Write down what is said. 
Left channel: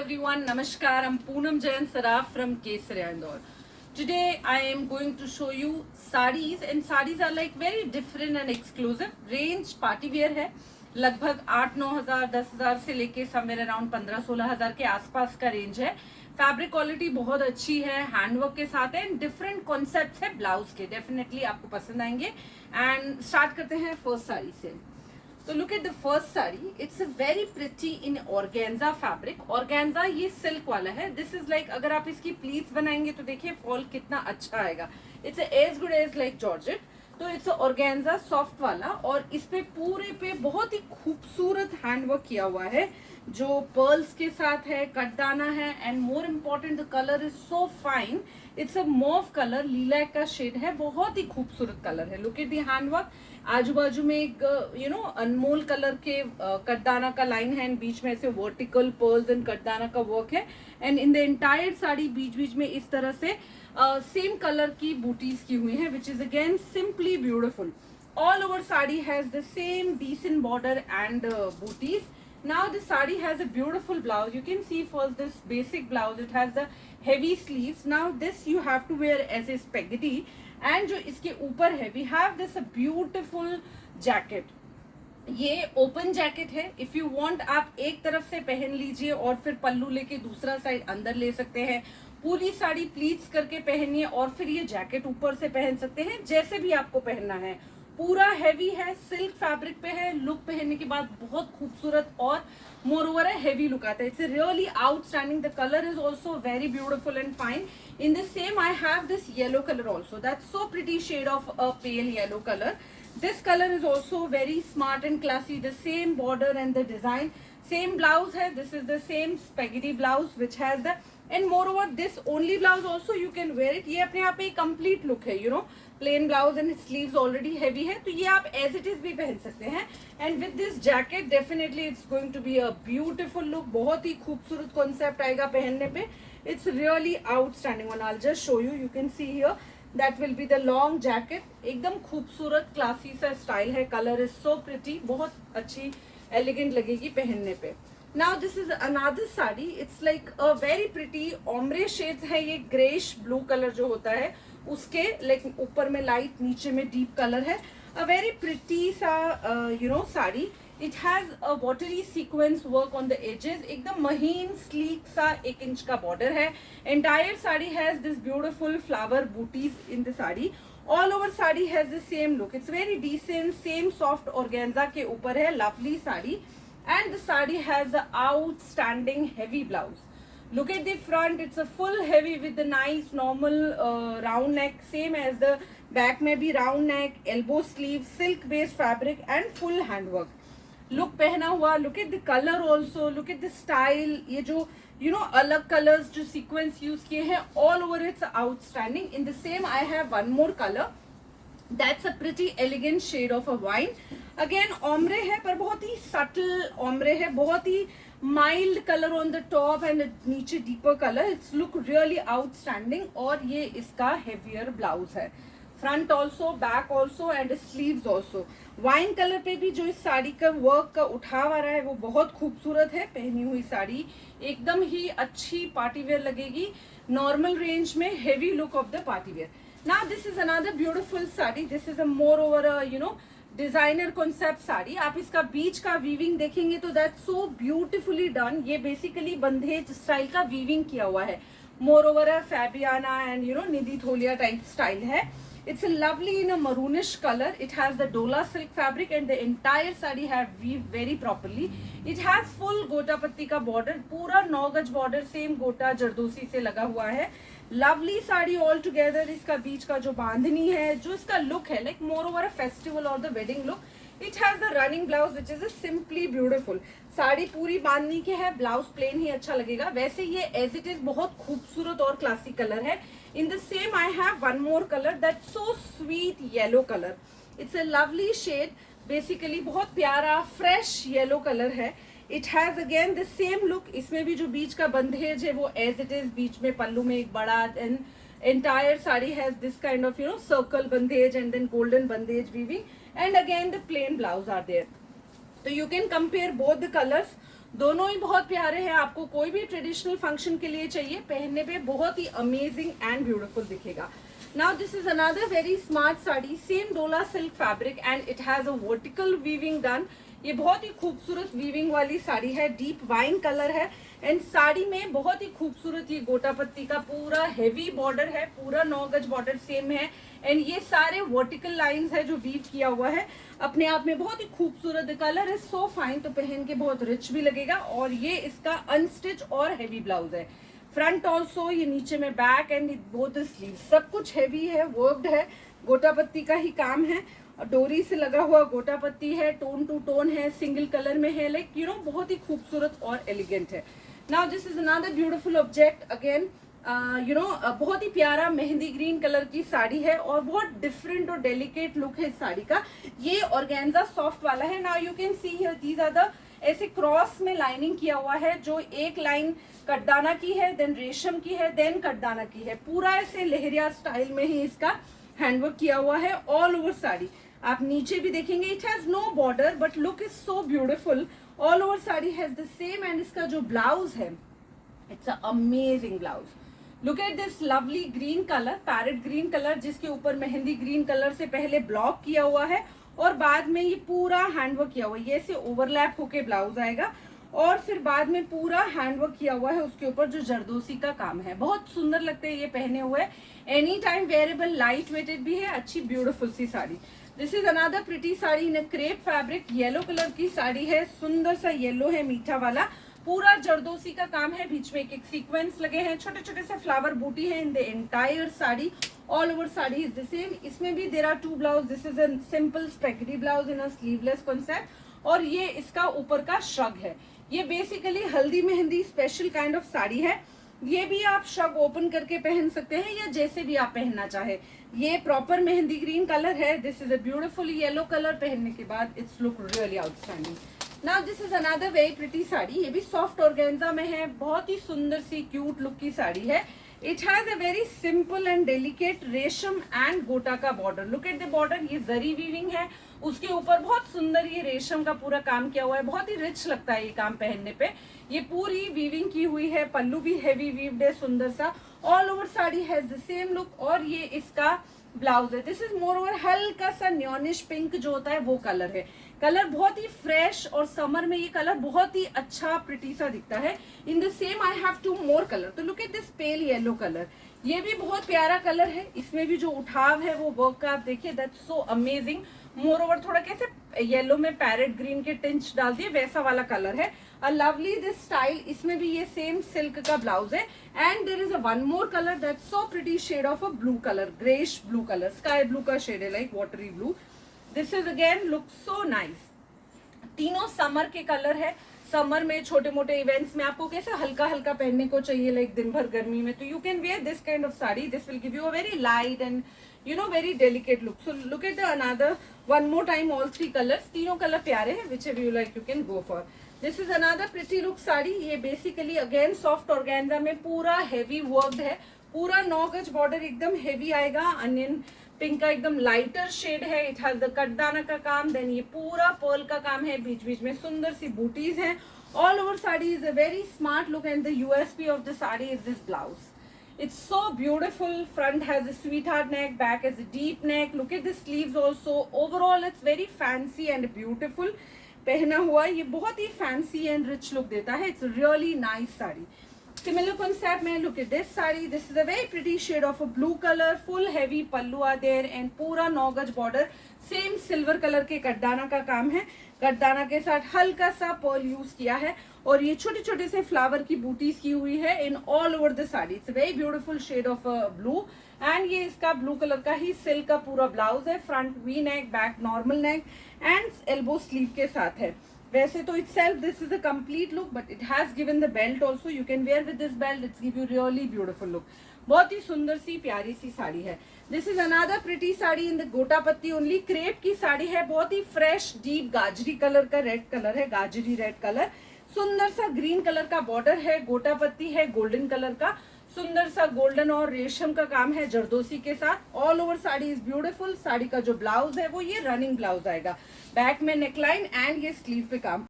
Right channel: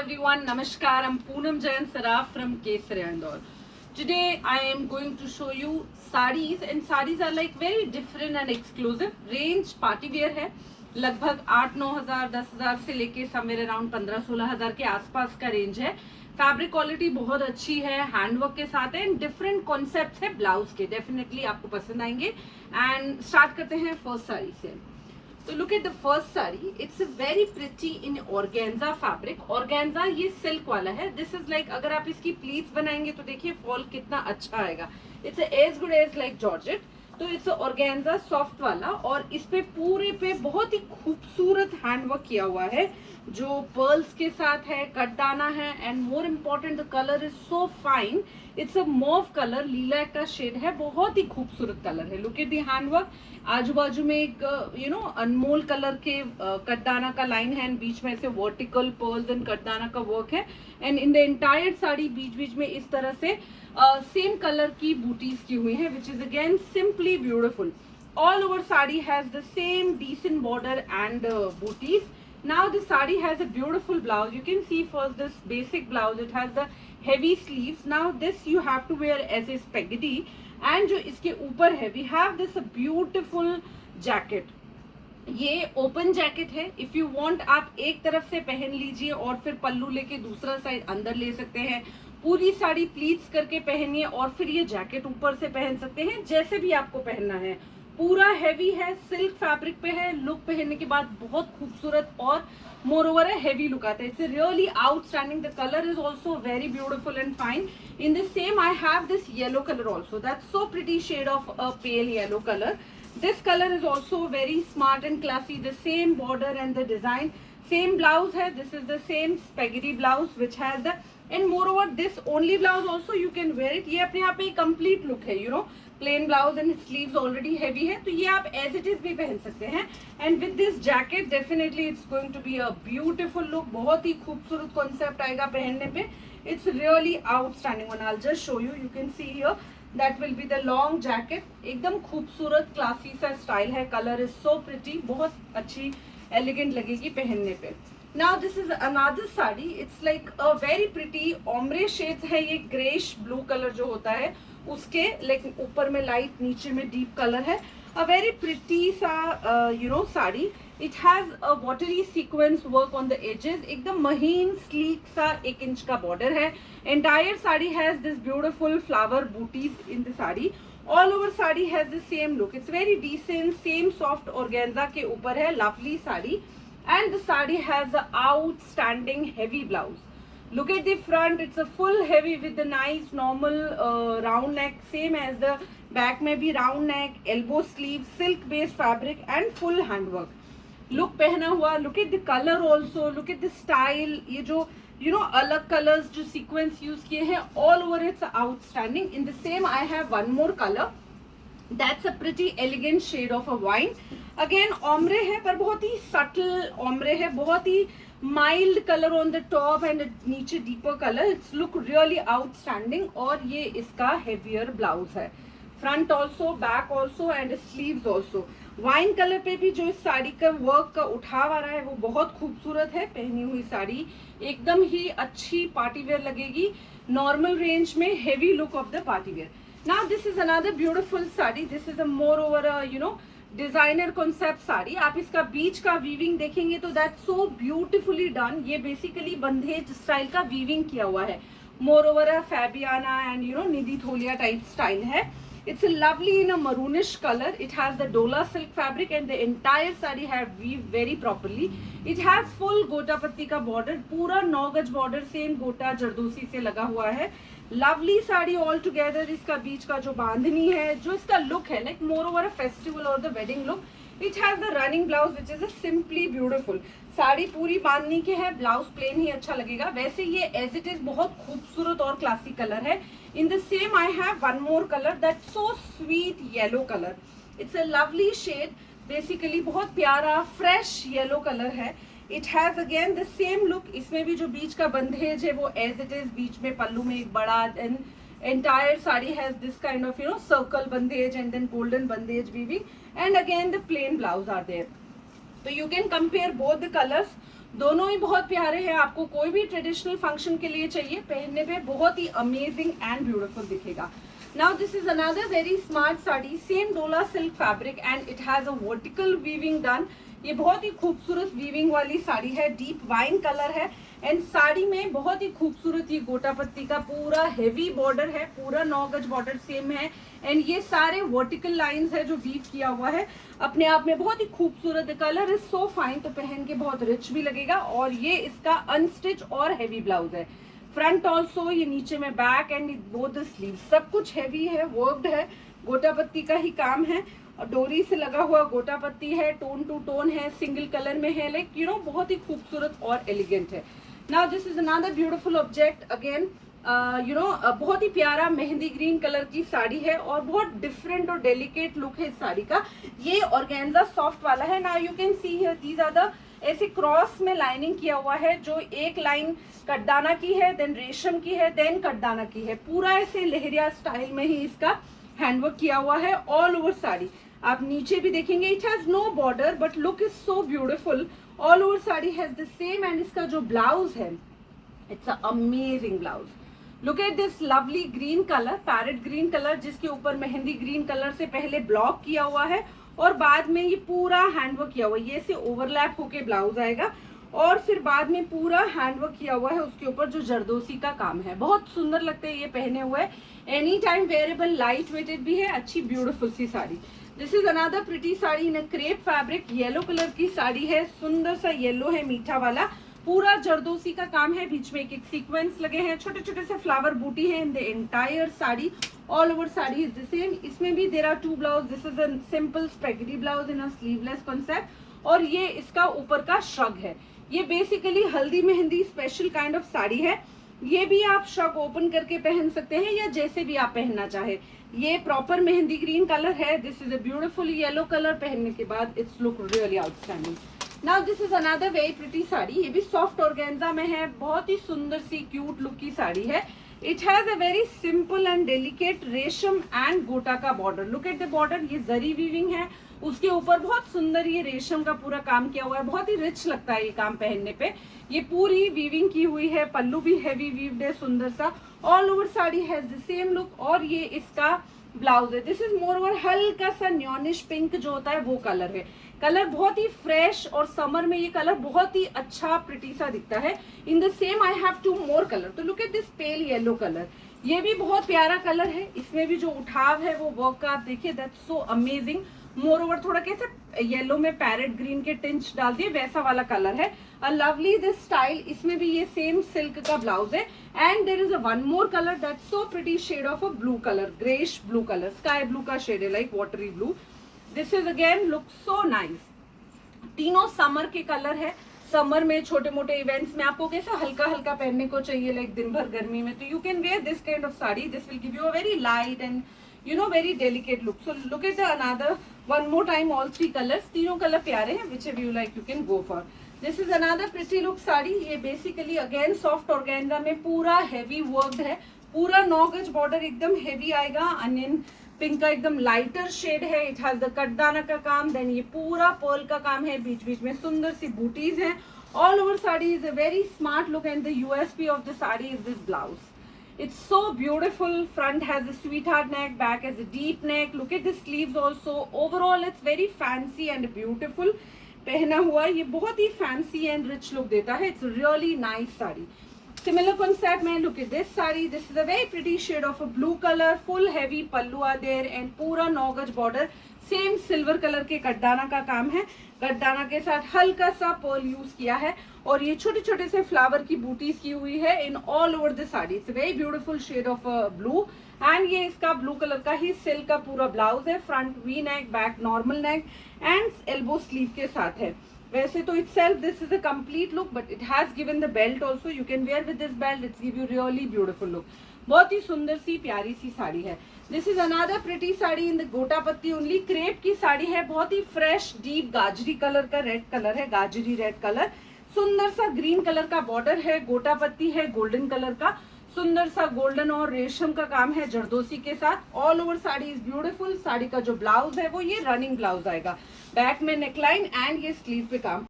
everyone, Namaskar. I'm Poonam Jain Saraf from Kesari Indore. Today I am going to show you sarees, and sarees are like very different and exclusive. Range party wear है, लगभग 8-9 हज़ार 10 हज़ार से लेके somewhere around 15-16 हज़ार के आसपास का रेंज है. फैब्रिक क्वालिटी बहुत अच्छी है, हैंडवर्क के साथ है, एंड डिफरेंट कॉन्सेप्ट्स है ब्लाउज के. डेफिनेटली आपको पसंद आएंगे. एंड स्टार्ट करते हैं फर्स्ट साड़ी से. तो look at the first sari. It's very pretty in organza fabric. Organza ये सिल्क वाला है. दिस इज लाइक अगर आप इसकी प्लीट्स बनाएंगे तो देखिए फॉल कितना अच्छा आएगा. It's as good as like georgette. तो इट्स ऑर्गेन्जा सॉफ्ट वाला, और इस पे पूरे पे बहुत ही खूबसूरत हैंडवर्क किया हुआ है जो पर्ल्स के साथ है, कटदाना है, and more important the colour is so fine. It's a mauve colour, lilac का शेड है, बहुत ही खूबसूरत कलर है. Look at the handwork. आजू बाजू में एक अनमोल कलर के कटदाना का लाइन है, एंड बीच में से वर्टिकल पर्ल्स एंड कटदाना का वर्क है. And in the entire sari बीच बीच में इस तरह से सेम कलर की बूटीज की हुई है, which is again simply beautiful. All over sari has the same decent border and बूटीज. Now the sari has a beautiful blouse. You can see first this basic blouse. It has the heavy sleeves. Now this you have to wear as a spaghetti. And जो इसके ऊपर है, we have this a beautiful jacket. ये open jacket है. If you want आप एक तरफ से पहन लीजिए और फिर पल्लू लेके दूसरा साइड अंदर ले सकते हैं. पूरी साड़ी प्लीट्स करके पहनिए और फिर ये जैकेट ऊपर से पहन सकते हैं, जैसे भी आपको पहनना है. पूरा हैवी है, सिल्क फैब्रिक पे है. लुक पहनने के बाद बहुत खूबसूरत और मोर ओवर है हैवी लुक आता है. It's really outstanding. The colour is also very beautiful and fine. In the same I have this yellow color also. That's so pretty shade of a pale yellow color. This color is also very smart and classy. The same border and the design. Same blouse hai. This is the same spaghetti blouse which has the, and moreover this only blouse also you can wear it. ये अपने आप में complete look है, you know. Plain blouse and sleeves already heavy है, तो ये आप as it is भी पहन सकते हैं. And with this jacket definitely it's going to be a beautiful look. बहुत ही खूबसूरत concept आएगा पहनने पे. It's really outstanding one. I'll just show you. You can see here that will be the long jacket. एकदम खूबसूरत classy सा style है. Color is so pretty. बहुत अच्छी elegant लगेगी पहनने पे. Now this is another sari. It's like a very pretty ombre shades है. ये grayish blue color जो होता है उसके like ऊपर में light, नीचे में deep color है. A very pretty सा sari. It has a watery sequence work on the edges. एकदम महीन sleek सा 1 इंच का border है. Entire sari has this beautiful flower booties in the sari. All over sari has the same look. It's very decent. Same soft organza के ऊपर है. Lovely sari. And the sari has a outstanding heavy blouse. Look at the front. It's a full heavy with the nice normal round neck. Same as the back में भी round neck, elbow sleeve, silk based fabric and full handwork. Look पहना हुआ. Look at the colour also. Look at the style. ये जो अलग colours जो sequence use किए हैं, all over it's outstanding. In the same I have one more colour. That's a pretty elegant shade of a wine. Again ombre है, पर बहुत ही सटल ऑम्ब्रे है. बहुत ही mild colour on the top and नीचे deeper colour. It's look really outstanding. और ये इसका हेवियर ब्लाउज है. Front also, back also and sleeves also. Wine colour पे भी जो इस साड़ी का वर्क का उठाव आ रहा है वो बहुत खूबसूरत है. पहनी हुई साड़ी एकदम ही अच्छी पार्टी वेयर लगेगी. नॉर्मल रेंज में heavy look of the party wear. Now this is another beautiful sari. This is a more over designer concept sari. आप इसका बीच का वीविंग देखेंगे तो दैट्स सो ब्यूटिफुली डन. ये बेसिकली बंधेज स्टाइल का वीविंग किया हुआ है. मोर ओवर है फैबियाना एंड निधि थोलिया टाइप स्टाइल है. It's a lovely in a maroonish color. It has the dola silk fabric and the entire sari have weaved very properly. It has full gota patti का border. पूरा 9 गज border same गोटा जरदोसी से लगा हुआ है. Lovely sari all together. इसका बीच का जो बांधनी है, जो इसका look है like more over a festival or the wedding look. It has the running blouse which is a simply beautiful. Sari पूरी बांधनी की है, ब्लाउज प्लेन ही अच्छा लगेगा. वैसे ये as it is बहुत खूबसूरत और क्लासिक कलर है. In the same I have one more color that's so sweet yellow color. It's a lovely shade. Basically बहुत प्यारा fresh yellow color है. It has again the same look. इसमें भी जो बीच का बंधेज है वो as it is. बीच में पल्लू में एक बड़ा, and entire saree has this kind of circle bandhej and then golden bandhej weaving, and again the plain blouse are there. So you can compare both the colors. दोनों ही बहुत प्यारे हैं। आपको कोई भी ट्रेडिशनल फंक्शन के लिए चाहिए, पहनने पे बहुत ही अमेजिंग एंड ब्यूटीफुल दिखेगा। Now this is another very smart sari, same dola silk fabric and it has a vertical weaving done. ये बहुत ही खूबसूरत वीविंग वाली साड़ी है, डीप वाइन कलर है एंड साड़ी में बहुत ही खूबसूरत ये गोटा पत्ती का पूरा हेवी बॉर्डर है, पूरा 9 गज बॉर्डर सेम है एंड ये सारे वर्टिकल लाइंस है जो वीव किया हुआ है, अपने आप में बहुत ही खूबसूरत। कलर इज सो फाइन, तो पहन के बहुत रिच भी लगेगा। और ये इसका अनस्टिच और हेवी ब्लाउज है, फ्रंट ऑल्सो, ये नीचे में बैक एंड बोथ स्लीव सब कुछ हेवी है, वर्क्ड है, गोटा पत्ती का ही काम है और डोरी से लगा हुआ गोटा पत्ती है, टोन टू टोन है, सिंगल कलर में है, लाइक यू नो बहुत ही खूबसूरत और एलिगेंट है। Now this is another beautiful object again, बहुत ही प्यारा मेहंदी ग्रीन कलर की साड़ी है और बहुत डिफरेंट और डेलिकेट लुक है इस साड़ी का। ये ऑर्गेन्जा सॉफ्ट वाला है। Now you can see here these are the ऐसे क्रॉस में लाइनिंग किया हुआ है, जो एक लाइन कटदाना की है, देन रेशम की है, देन कटदाना की है, पूरा ऐसे लहरिया स्टाइल में ही इसका हैंडवर्क किया हुआ है ऑल ओवर साड़ी। आप नीचे भी देखेंगे, it has no border but look is so beautiful, all over sari has the same. And इसका जो ब्लाउज है, it's a amazing blouse. Look at this lovely green colour, parrot green colour, जिसके ऊपर mehndi green colour से पहले block किया हुआ है और बाद में ये पूरा हैंडवर्क किया हुआ है, ये से ओवरलैप होके ब्लाउज आएगा और फिर बाद में पूरा हैंडवर्क किया हुआ है उसके ऊपर, जो जरदोसी का काम है। बहुत सुंदर लगते हैं ये पहने हुए, any time wearable, light weighted भी है, अच्छी ब्यूटीफुल सी sari. This is another pretty sari in crepe fabric, yellow colour की साड़ी है, सुंदर सा येलो है मीठा वाला, पूरा जरदोसी का काम है, बीच में एक एक सीक्वेंस लगे हैं, छोटे छोटे से फ्लावर बूटी है in the entire sari, all over sari is the same. इसमें भी there are 2 blouse, this is a simple spaghetti blouse in a sleeveless concept और ये इसका ऊपर का श्रग है। ये बेसिकली हल्दी mehndi special kind of sari है। ये भी आप श्रग ओपन करके पहन सकते हैं या जैसे भी आप पहनना चाहे। ये प्रॉपर मेहंदी ग्रीन कलर है, this is a beautiful yellow colour, पहनने के बाद it's look really outstanding. Now this is another very pretty sari, ये भी सॉफ्ट ऑर्गेन्जा में है, बहुत ही सुंदर सी क्यूट लुक की साड़ी है। It has a very simple and delicate रेशम एंड गोटा का border, look at the border, ये जरी वीविंग है, उसके ऊपर बहुत सुंदर ये रेशम का पूरा काम किया हुआ है, बहुत ही रिच लगता है ये काम पहनने पे। ये पूरी वीविंग की हुई है, पल्लू भी हैवी वीव्ड है सुंदर सा, all over sari has the same look और ये इसका ब्लाउज है। दिस इज मोर ओवर हल्का सा न्योनिश पिंक जो होता है वो कलर है, कलर बहुत ही फ्रेश और समर में ये कलर बहुत ही अच्छा प्रिटी सा दिखता है। In the same I have 2 more colour, तो look at this pale yellow colour, ये भी बहुत प्यारा कलर है, इसमें भी जो उठाव है वो वर्क का आप देखिए, that's so amazing. More over थोड़ा कैसे येलो में पैरेट ग्रीन के टिंच डाल दिए वैसा वाला कलर है, अ लवली दिस स्टाइल। इसमें भी ये सेम सिल्क का ब्लाउज है and there is a one more colour that's so pretty shade of a blue colour, greyish blue colour, sky blue का शेड है, like watery blue. This is again look so nice. तीनों summer के colour है, summer में छोटे मोटे events में आपको कैसा हल्का हल्का पहनने को चाहिए, लाइक दिन भर गर्मी में, तो you can wear this kind of sari, this will give you a very light and you know very delicate look. So look at the another one more time, all 3 colors, तीनों कलर प्यारे हैं, whichever you like you can go for. This is another pretty look sari, ये basically again soft organza में पूरा heavy worked है, पूरा 9 गज border एकदम हेवी आएगा, अनियन पिंक का एकदम लाइटर शेड है, इट हैज द कटदाना का काम, देन ये पूरा पर्ल का काम है, बीच बीच में सुंदर सी बूटीज हैं, all over sari is a very smart look and the USP of the sari is this blouse. It's so beautiful. Front has a sweetheart neck, back has a deep neck. Look at the sleeves also. Overall, it's very fancy and beautiful. पहना हुआ ये बहुत ही fancy and rich look देता है. It's really nice sari. Similar concept में look at this sari. This is a very pretty shade of a blue color. Full heavy pallu are there and पूरा 9 गज border. Same silver colour के कटदाना का काम है, कटदाना के साथ हल्का सा पर्ल यूज किया है और ये छोटे छोटे से फ्लावर की बूटीज की हुई है in all over the sari. It's very beautiful shade of blue and ये इसका ब्लू कलर का ही सिल्क का पूरा ब्लाउज है, front V neck, back normal neck and elbow sleeve के साथ है. वैसे तो itself this is a complete look but it has given the belt also, you can wear with this belt, it's give you really beautiful look. बहुत ही सुंदर सी प्यारी सी साड़ी है. This is another pretty sari in the गोटा पत्ती only, crepe की साड़ी है, बहुत ही fresh deep गाजरी colour का रेड कलर है, गाजरी रेड कलर, सुंदर सा ग्रीन कलर का बॉर्डर है, गोटा पत्ती है गोल्डन कलर का, सुंदर सा गोल्डन और रेशम का काम है जरदोसी के साथ. All over sari is beautiful. Sari का जो ब्लाउज है वो ये रनिंग ब्लाउज आएगा, बैक में नेकलाइन एंड ये स्लीव पे काम.